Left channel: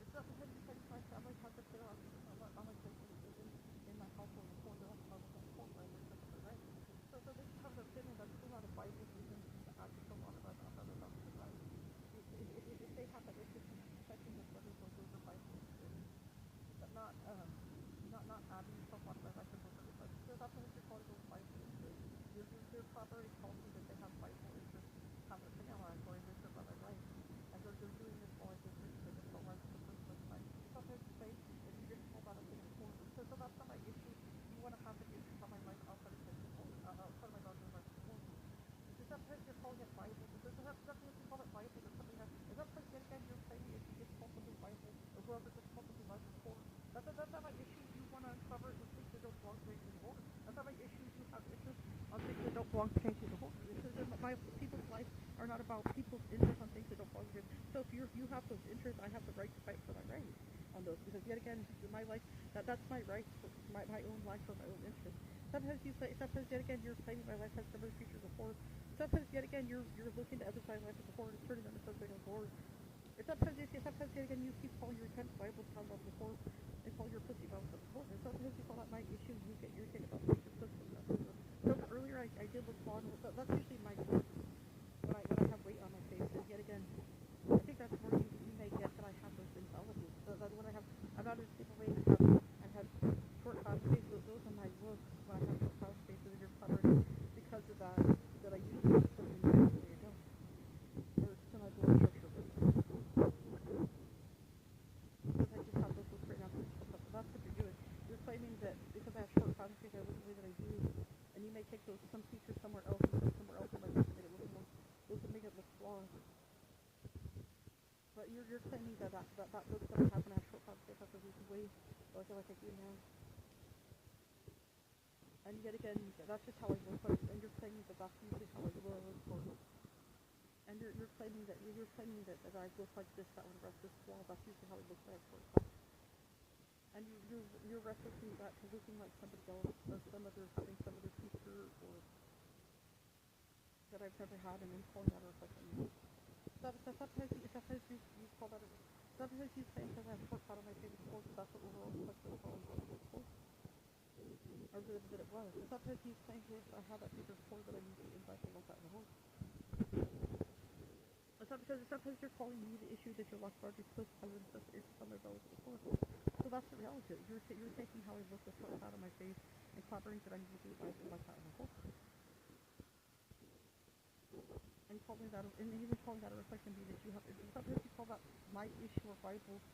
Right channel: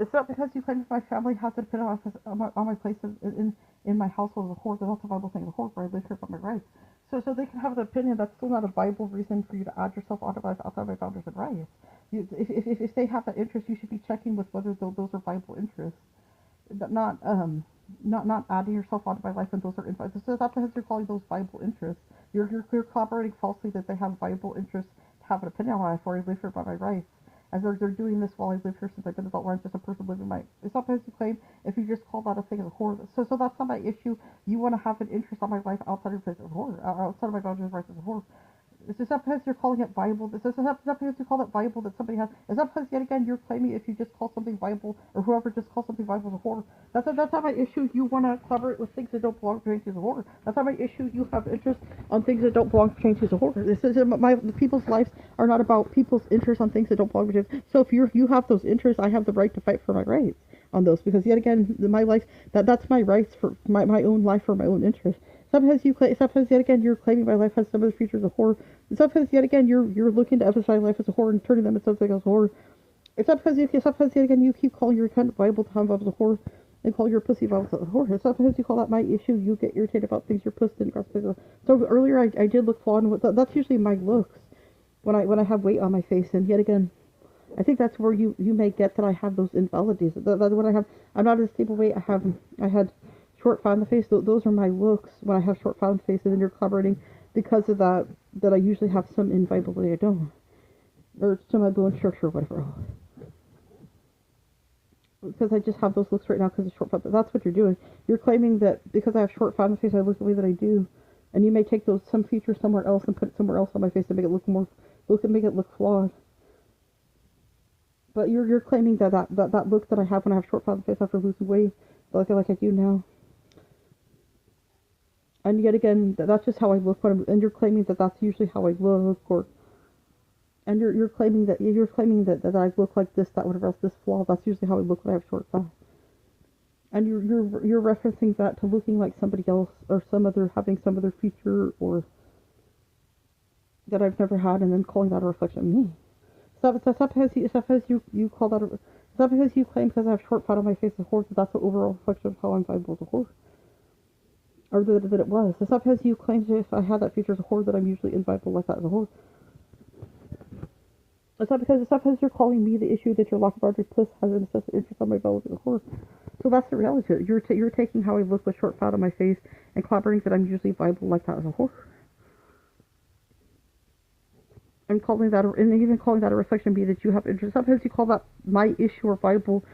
It's not because you claim my family has an opinion on my place in my household as a whore. They're not the Bible saying a whore, where I live here by my rights. So they can have an opinion. That's still not a Bible reason for you to add yourself onto my outside my boundaries and rights. If they have that interest, you should be checking with whether those are Bible interests, not not adding yourself onto my life when those are invited. So that's because you're calling those Bible interests. You're corroborating falsely that they have Bible interests to have an opinion on my life, or I live here by my rights. As they're doing this while I live here since I've been adult, where I'm just a person living my. It's not because you claim if you just call that a thing as a whore. So that's not my issue. You want to have an interest on my life outside of this as a whore, outside of my boundaries rights as a whore. It's just not because you're calling it Bible. This is not because you call it Bible that somebody has. It's not because yet again you're claiming if you just call something Bible or whoever just calls something Bible the whore. That's not my issue. You want to collaborate with things that don't belong to the whore. That's not my issue. You have interest on things that don't belong to the whore. This is my the people's lives are not about people's interests on things that don't belong to. So if you have those interests, I have the right to fight for my rights on those because yet again my life that's my rights for my own life for my own interests. Sometimes yet again you're claiming my life has some of the features of horror. Sometimes yet again you're looking to emphasize life as a horror and turning them into something else horror. Sometimes yet again you keep calling your kind of Bible time as a horror and call your pussy Bible a horror. Sometimes you call that my issue. You get irritated about things your pussy didn't cross. So earlier I did look flawed. That's usually my looks when I have weight on my face. And yet again, I think that's where you may get that I have those invalidities. That when I have, I'm not at a stable weight. I had short fat on the face. Those are my looks when I have short fat on the face, and then you're collaborating because of that. That I usually have some invivality I don't, or some my bone structure or whatever. Because I just have those looks right now because of short fat. That's what you're doing. You're claiming that because I have short fat on the face, I look the way that I do, and you may take those some features somewhere else and put it somewhere else on my face to make it look more, make it look flawed. But you're claiming that look that I have when I have short fat face after losing weight, like I do now. And yet again, that's just how I look when and you're claiming that that's usually how I look, or and you're claiming that I look like this, that, whatever else, this flaw. That's usually how I look when I have short fat. And you're referencing that to looking like somebody else or some other having some other feature or that I've never had, and then calling that a reflection of me. Suppose you call that a. Suppose you claim because I have short fat on my face as a horse, that that's an overall reflection of how I'm viable as a horse. Or that it was. Suppose you claim that if I had that feature as a horse, that I'm usually inviable like that as a horse. Suppose you're calling me the issue that your lock boundary puss has an excessive interest on my belly as a horse. So that's the reality. You're taking how I look with short fat on my face and clobbering that I'm usually viable like that as a horse. And calling that, and even calling that a reflection of me that you have interest. Sometimes you call that my issue or Bible